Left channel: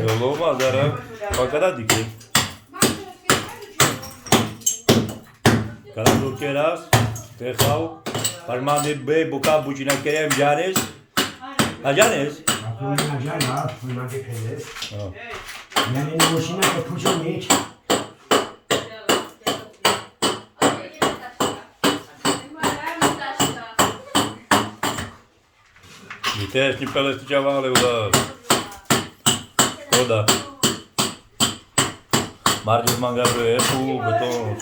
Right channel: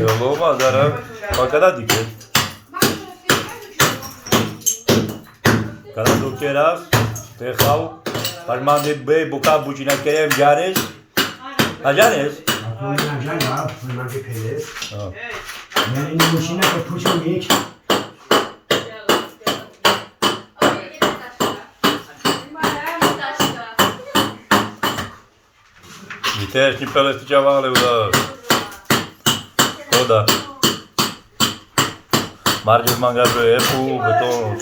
Loma, dar pagada dike. Kala dokera, pekhav, parmane be buka buchina kerem janes. Ha janes? Aklına can ya, fırmancı peles. Yani nuşina ke puçun geç. Vitești pe cevale ura. Koda. Marges mangabe epu, beton.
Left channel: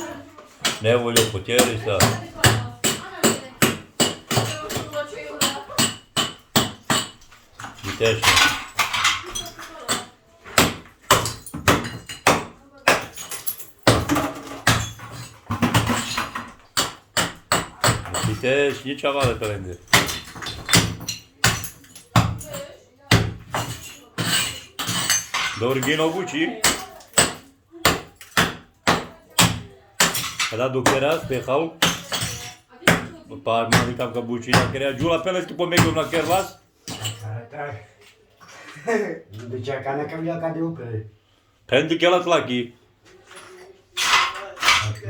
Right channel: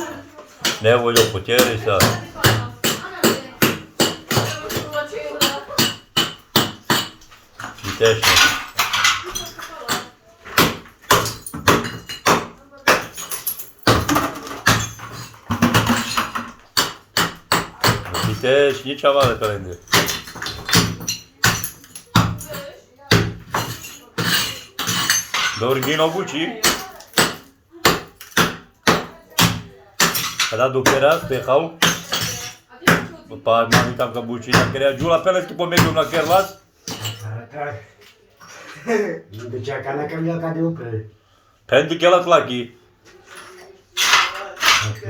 Nevoie putere sa. Vitești. Vitești, nici ceva de pe lângă. Dorgino Gucci. Kada dokeras pehau. Pa mani tam ka Gucci na kerea jula pele tu pomegul na kerlas. Tak. De ce cana cam ya ca de upe. Pendi kelat laki. Ok,